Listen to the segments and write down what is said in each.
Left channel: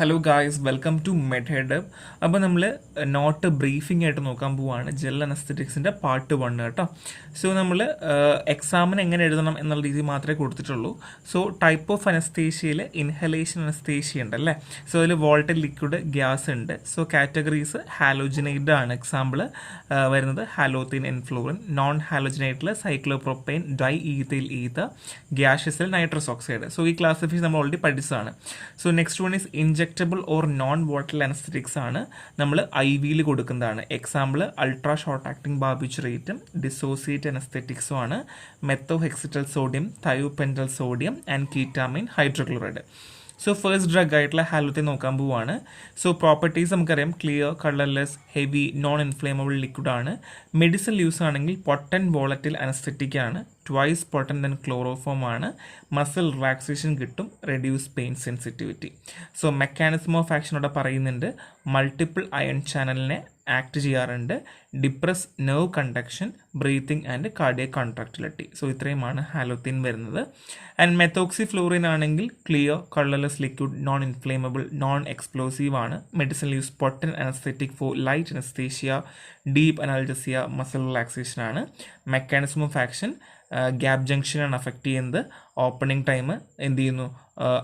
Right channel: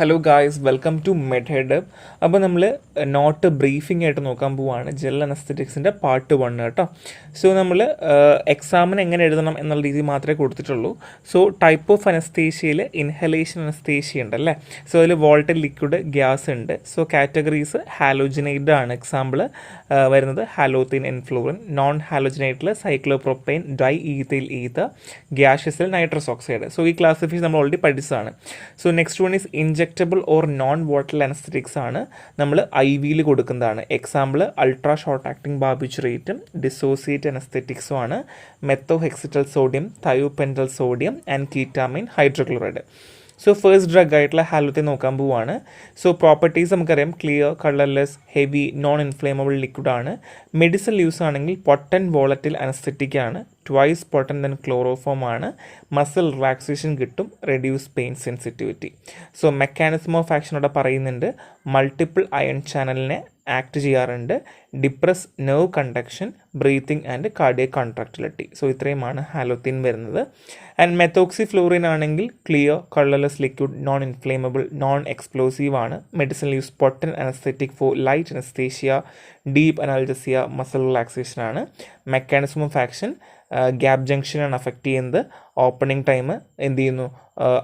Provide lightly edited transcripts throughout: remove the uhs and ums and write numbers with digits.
Hello guys, welcome to Medhead. അപ്പോൾ നമ്മൾ not briefing ആയിട്ട് നോക്കാൻ പോവുകയാണ് ജെൽ അനസ്തറ്റിക്സിൻ്റെ പാർട്ട് 1 കേട്ടോ. സോ നമ്മൾ എക്സാമിന് എങ്ങനെ എഴുതണം എന്നുള്ള രീതി മാത്രമേ കൊടുത്തിട്ടുള്ളൂ. സോ ടൈപ്പ് ഓഫ് അനസ്തേഷ്യയിൽ ഇൻഹലേഷൻ അനസ്തേഷ്യ ഉണ്ട് അല്ലേ. സോ അതിൽ വോൾട്ടൽ ലിക്വിഡ് ഗ്യാസ് ഉണ്ട്. സോ കാറ്റഗറീസ് ഹാലോജനൈഡ് ആണ്. എക്സാമ്പിൾ വരുന്നത് ഹാലോത്തിൻ എൻഫ്ലൂറിൻ, നോൺ ഹാലോജനൈറ്റിൽ സൈക്ലോപ്രോപ്പൈൻ ഡൈ ഈഥൈൽ ഈഥർ, ഗ്യാഷ്യസിൽ നൈട്രസ് ഓക്സൈഡ്. സോ ഈ ക്ലാസിഫിക്കേഷൻ നമ്മൾ ഓൾറെഡി പഠിച്ചതാണ്. So next one is injectable or non volatile anaesthetics ആണ്. നമ്മൾ ഐ വിയിൽ കൊടുക്കുന്നതാണ്. എക്സാമ്പിൾ അൾട്രാ ഷോർട്ട് ആക്ടിംഗ് ബാർബിച്ചുറേറ്റും ഡിസോസിയേറ്റ് അനസ്തറ്റിക്സും ആണ്. Methohexital sodium, thiopental sodium and ketamine hydrochloride. So first drug ആയിട്ടുള്ള ഹാലോത്തെ നോക്കാൻ പോവുകയാണ്. സോ പ്രോപ്പർട്ടീസ് നമുക്കറിയാം, clear, colourless, heavy, non inflammable liquid ആണ്. മെഡിസിൻ യൂസ് ആണെങ്കിൽ പൊട്ടൻ വോളറ്റിൽ അനസ്തെറ്റിക് ആണ്. ട്വൈസ് പൊട്ടൻ ദൻ ക്ലോറോഫോം ആണ്. മസിൽ റിലാക്സേഷൻ കിട്ടും, reduce pain sensitivity. So mechanism of ആക്ഷനോടെ പറയുന്നുണ്ട്, മൾട്ടിപ്പിൾ അയൺ ചാനലിനെ ആക്ട് ചെയ്യാറുണ്ട്, depress nerve conduction, breathing and cardiac contractility. So ഇത്രയുമാണ് ഹാലോത്തിൻ വരുന്നത്. ആൻഡ് മെത്തോക്സിഫ്ലൂറിൻ ആണെങ്കിൽ clear, colourless liquid, non inflammable, non explosive ആണ്. Medicine use Pottan anaesthetic for light anaesthesia, deep analgesia, muscle relaxation ആണ്. Mechanism of action gap ജംഗ്ഷനാണ് affect ചെയ്യുന്നത്. Opening time എന്ത് ചെയ്യുന്നു,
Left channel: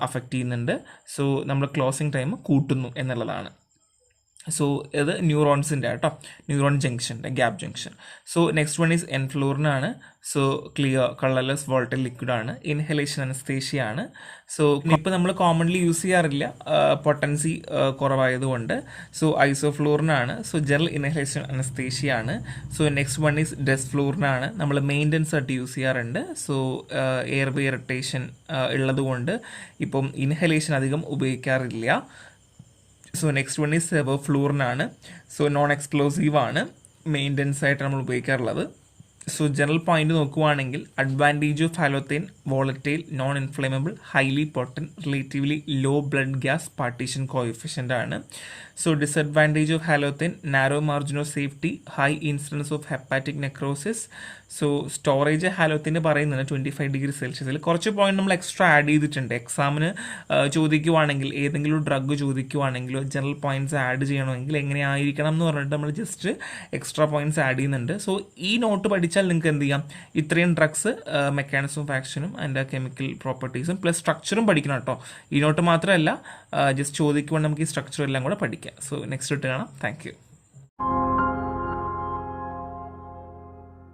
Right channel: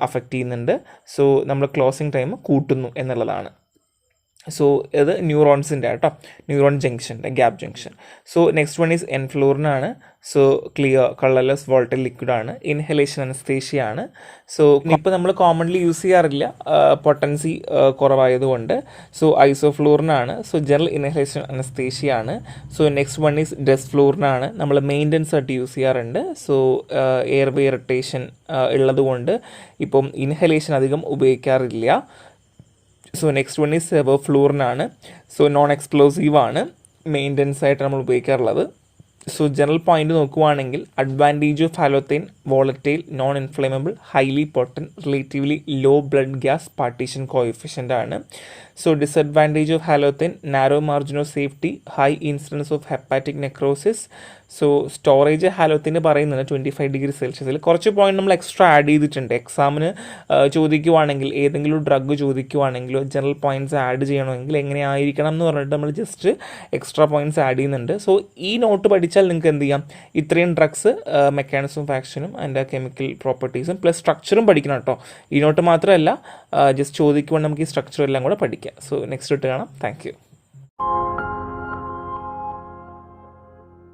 affect ചെയ്യുന്നുണ്ട്. സോ നമ്മൾ ക്ലോസിംഗ് ടൈം കൂട്ടുന്നു എന്നുള്ളതാണ്. സോ ഇത് ന്യൂറോൺസിൻ്റെ കേട്ടോ, ന്യൂറോൺ ജംഗ്ഷൻ്റെ gap junction. So next one is എൻഫ്ലൂറിനാണ്. So clear, colourless, volatile liquid ആണ്. ഇൻഹലേഷൻ അനസ്തേഷ്യ ആണ്. സോ ഇപ്പോൾ നമ്മൾ കോമൺലി യൂസ് ചെയ്യാറില്ല, പൊട്ടൻസി കുറവായതുകൊണ്ട്. സോ ഐസോഫ്ലൂറിനാണ്. സോ ജനറൽ ഇൻഹലേഷൻ അനസ്തേഷ്യ ആണ്. സോ നെക്സ്റ്റ് വൺ ഈസ് ഡെസ്ഫ്ലൂറിനാണ്. നമ്മൾ മെയിൻ്റനൻസ് ആയിട്ട് യൂസ് ചെയ്യാറുണ്ട്. സോ എയർവേ ഇറിറ്റേഷൻ ഉള്ളതുകൊണ്ട് ഇപ്പം ഇൻഹലേഷൻ അധികം ഉപയോഗിക്കാറില്ല. സോ നെക്സ്റ്റ് വൺ ഈസ് സെവോഫ്ലൂറിനാണ്. സോ നോൺ എക്സ്പ്ലോസീവ് ആണ്, മെയിൻ്റനൻസ് ആയിട്ട് നമ്മൾ ഉപയോഗിക്കാറുള്ളത്. സോ ജനറൽ പോയിന്റ് നോക്കുവാണെങ്കിൽ advantage of halothane, volatile, non inflammable, highly potent, relatively low blood gas partition coefficient ആണ്. So disadvantage of halothane, narrow margin of safety, high incidence of hepatic necrosis. So storage ഹാലോത്തിന് പറയുന്നത് 25 degree സെൽഷ്യസിൽ. കുറച്ച് point നമ്മൾ extra add ചെയ്തിട്ടുണ്ട്. എക്സാമിന് ചോദിക്കുവാണെങ്കിൽ, ഏതെങ്കിലും drug ചോദിക്കുവാണെങ്കിലോ general points add ചെയ്യണമെങ്കിൽ എങ്ങനെയായിരിക്കണം എന്ന് പറഞ്ഞിട്ട് നമ്മൾ ജസ്റ്റ് എക്സ്ട്രാ പോയിന്റ്സ് ആഡ് ചെയ്യുന്നുണ്ട്. സോ ഈ നോട്ട് പഠിച്ചാൽ നിങ്ങൾക്ക് എന്ത് ചെയ്യാം, ഇത്രയും ഡ്രഗ്സ്, മെക്കാനിസം ഓഫ് ആക്ഷനും അതിൻ്റെ കെമിക്കൽ പ്രോപ്പർട്ടീസും പ്ലസ് സ്ട്രക്ചറും പഠിക്കണം കേട്ടോ. ഈ നോട്ട് മാത്രമല്ല, ജസ്റ്റ് ചോദിക്കുവാണെങ്കിൽ നമുക്ക് ഈ സ്ട്രക്ചർ എല്ലാം കൂടെ പഠിക്കാം. സോ നെക്സ്റ്റ് ഇട്ട് കാണാം. Thank you.